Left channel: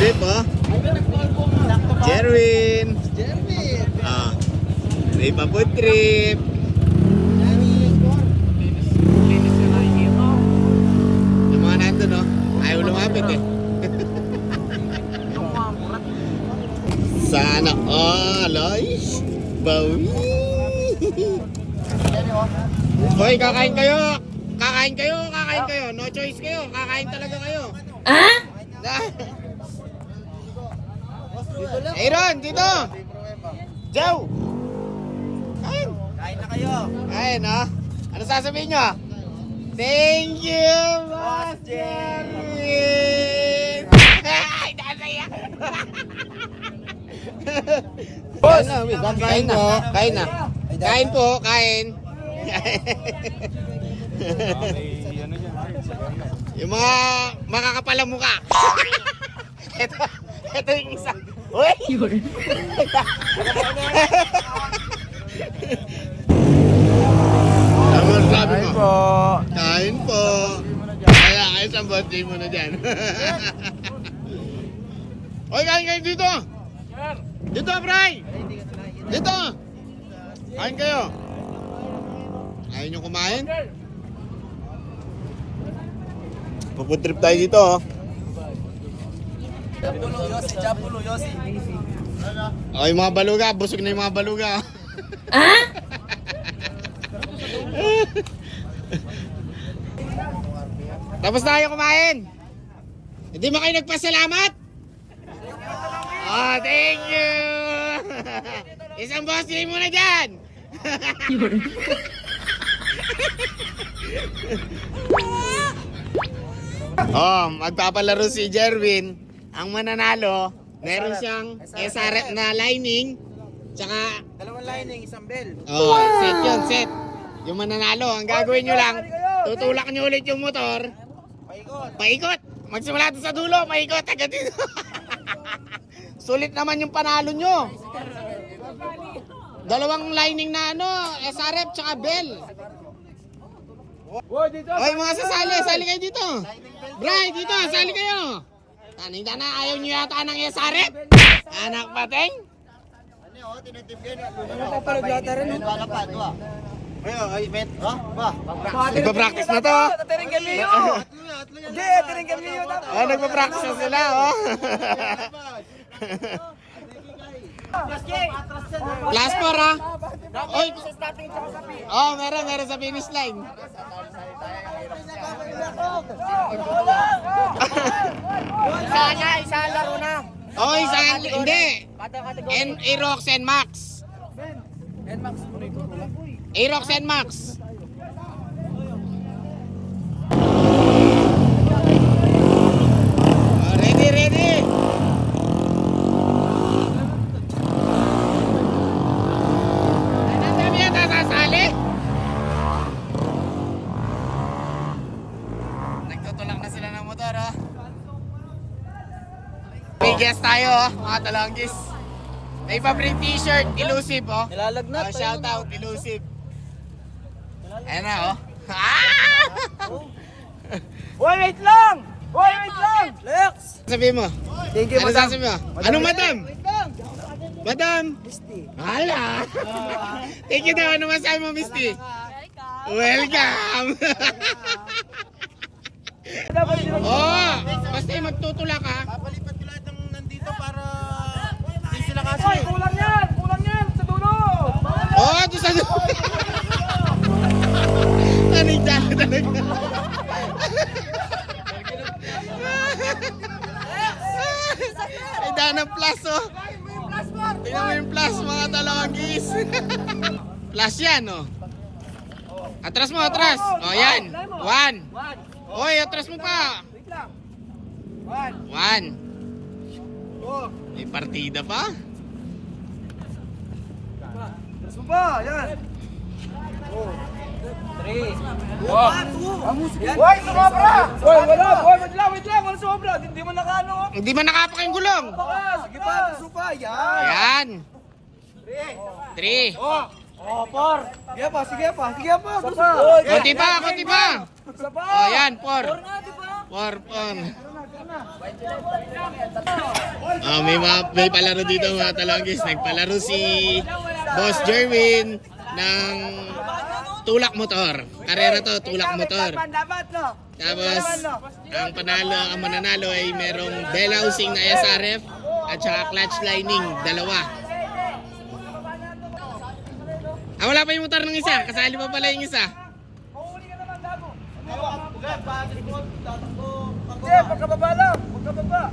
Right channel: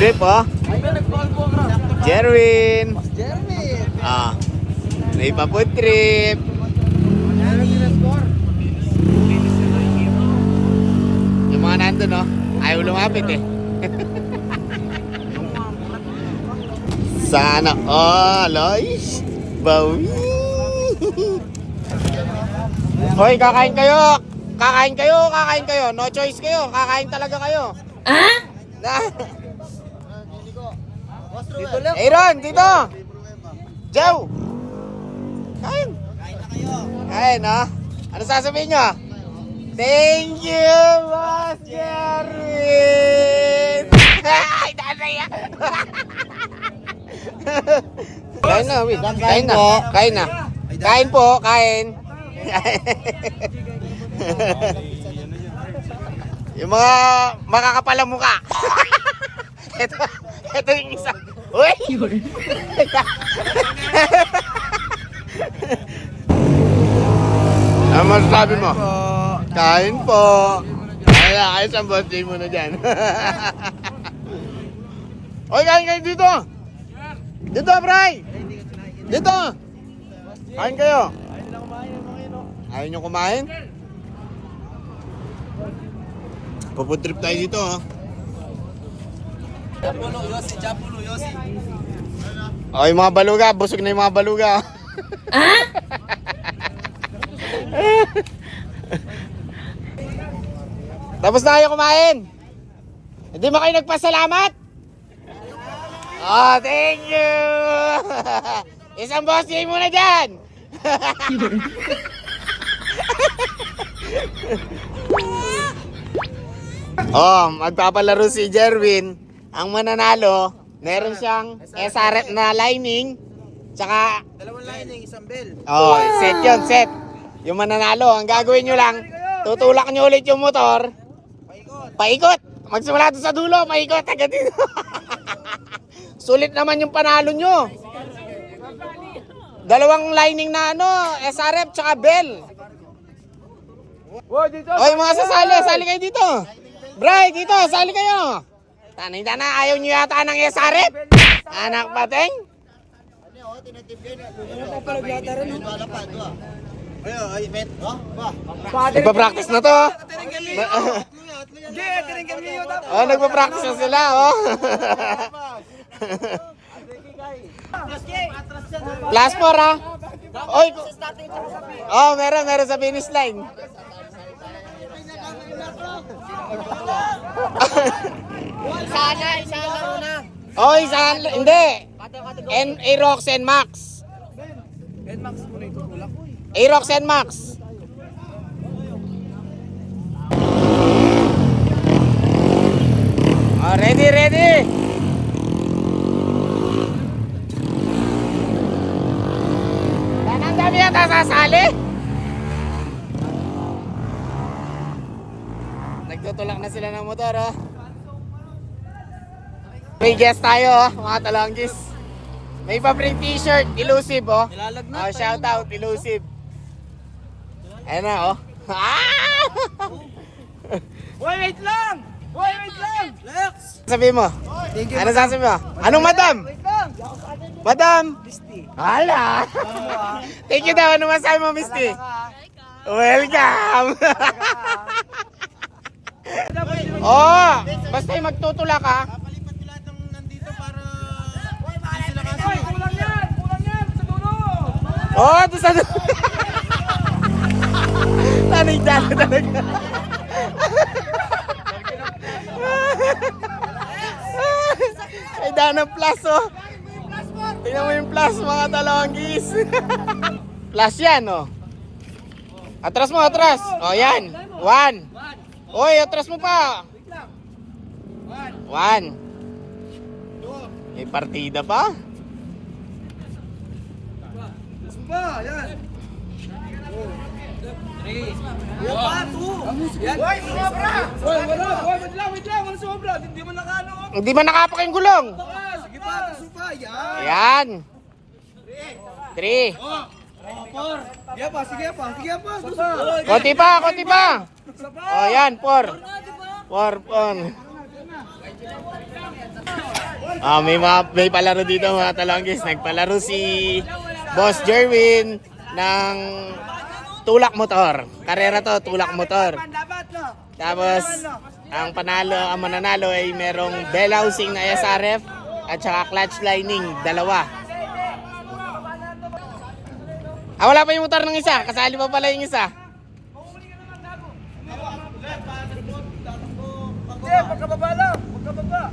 trip, oh. Jerwin. Ah, may pa-food trip. Yung mga nandun, oh. Ayaw lumapit, eh. Sana all, oish. Bawi. Hoy, kakain kayo. Kakain kayo, kakain kayo. No choice kayo. Kakain talaga kayo. Ah? Aaron, dito. Joe. Kain. Kain na kayo. Kain, ha? Ano sasabihin nyo? Thank you, Boss Jerwin. Ay, nanay. Kain na, Win. Kain po. Kain na. Kain po, kain. Yung mga makakapalang mukha. Ito yung isa. Uy! Ano masasabi mo? Kain po. Kaya ayos ang birthday mo na dyan. Oy, kain kayo dito. Dito, Bray. Dito. Kain kayo. Ayaw nyo kumain? Pupunta trip tayo dito, oh. Japulo, Yossi. Oh, yung mga baluga. Busog na yung mga baluga. Ah? Tapos na kayo kumain. Hindi ba kayo nagpasalamat? Oh, thank you. Isang boss day muna dyan. Oh, magpapalaro si Jerwin. Ang mananalo, meron siyang SRF na lining. Tsaka, Dalawang lining, isang bell. oh, set yun, set. Yung mananalo, ang gagawin nyo lang, tutulak nyo ulit yung motor. Paikot. Magsimula doon sa dulo, paikot agad dito. Sulit naman yung panalo nyo. Dalawang lining na ano, SRF tsaka bell. Oy, mga sasali, sali kayo dito. Bray, dito, sali kayo. Tanay-tana, ayaw nyo yata ng SRF? Anak pateng? Nagpa-practice na to. Oh, nagpa-practice na sila, oh. Plus 4, ha? Oy. Oh, meron sa finish line. Isa laro na. Oh, hindi. Aerox and Max. Aerox and Max. Oh, ready. Ang dami yata sasali. Nagtutulak na sila ng motor, ha? May guest tayo, oh, mga talanggis. May pabreng t-shirt, elusive, oh. Nilalagnat. Oh, shout out, elusive. Ayan na, oh. Hoy, wait lang! Lex! Sabi mo? Thank you, Ano madam. sasabi mo? Anong madam? Wait lang! Madam? Misty. Hala! Thank you daw. Ano masabi mo, Misty? Welcome! Oh, basta yung magtutula ka. Papalipat ko lahat ng nandito para hindi sila kasi. Hoy, kulang yan sa dulo. Oh, doon sa... Tanay-tala talaga. Ay, dana plus, oh. Tingnan mo yung plus, mga talonggis. Plus yan, oh. Atras mo, atras. Oh, yan. 1. Oy, atras mo pa. Wait lang. 1. May partida pa. Sumba, yan. 3. Hoy, sumobra. Hoy, wait lang. Wala sumobra. Hindi mo nakano. Hindi man nakapaking gulong. Sige pa, supa. Yan. Yan. 3. Oh, 4. Sige pa. Konti pa. Isa pa. Oh, yan, 4. 4. May palaro dito mga talonggis. Nagpalaro si Boss Jerwin ng tulak motor. Karera to, tulak motor. Tapos, ang mananalo ay merong bell housing na SRF at saka clutch lining, dalawa. Wala pa yung motor ng isa. Kasali pa pala yung isa. Hindi, pagkababa lang. Pagkababa.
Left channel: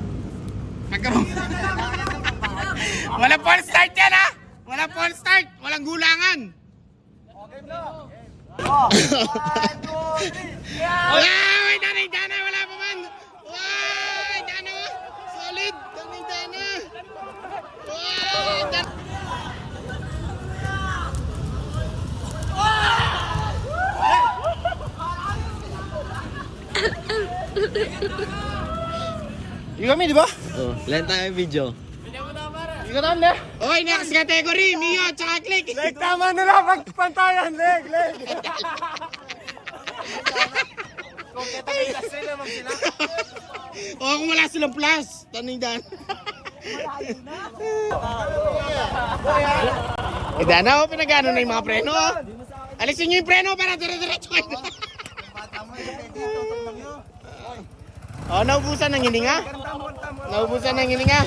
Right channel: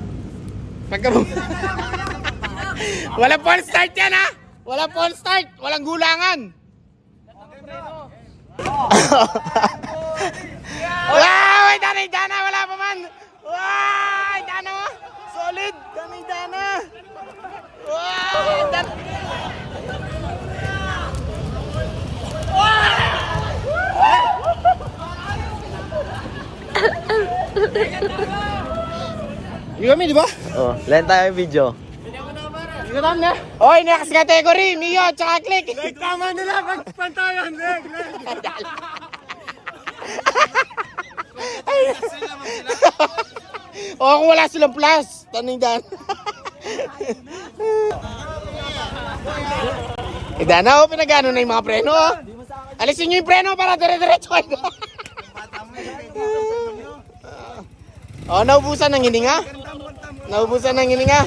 Wala full start yan ha! Wala full start! Walang gulangan! Wow! Danay-dana! Wala pa man! Wow! Dana! Solid! Danay-dana! Wow! Yung kami, di ba? Oh, lahat tayo video. Ikaw na. Oy, next category! Mio, tsaka click! Tama na lang, pagpantayan. Leg. Kung wala silang plus, taning-dana. Dana, pinagano na yung mga preno. Alisin nyo yung preno para dire-diretso. Naubusan ng hininga. Naubusan ng hininga.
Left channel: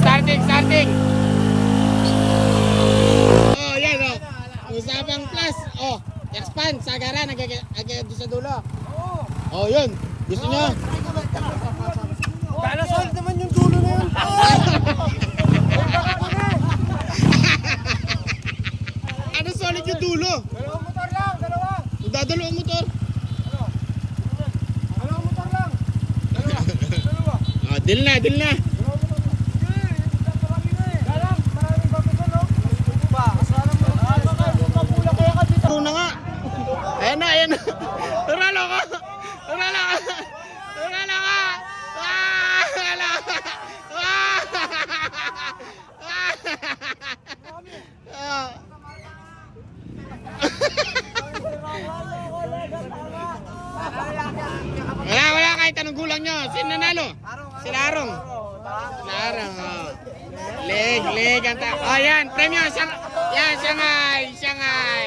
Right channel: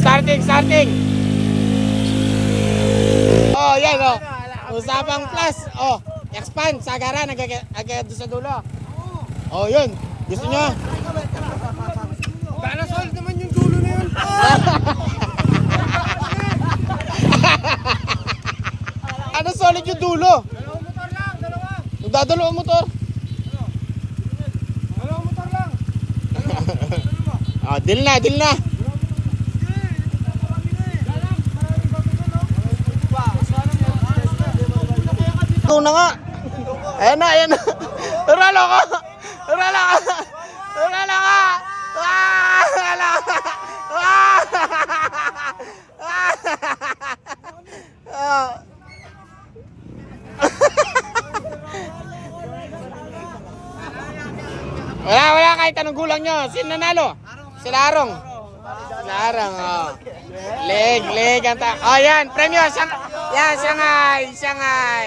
Starting. Yan Usapang plus. Expand, sagaran, agad sa dulo. Yun. Gusto nyo? Sana solid naman yung dulo na yun. Ano solid yung dulo? Dalawang motor lang, dalawa. Nagdadalawang motor. Dalawang motor lang. Dalawa. Deal na. Ito na nga. Ayan na. Turalo ka. Wala kahit anong gulang nyo. Sino nanalo? Sila Arong. Leg ang yan, premyo. Yan, Shanghai. Shanghai.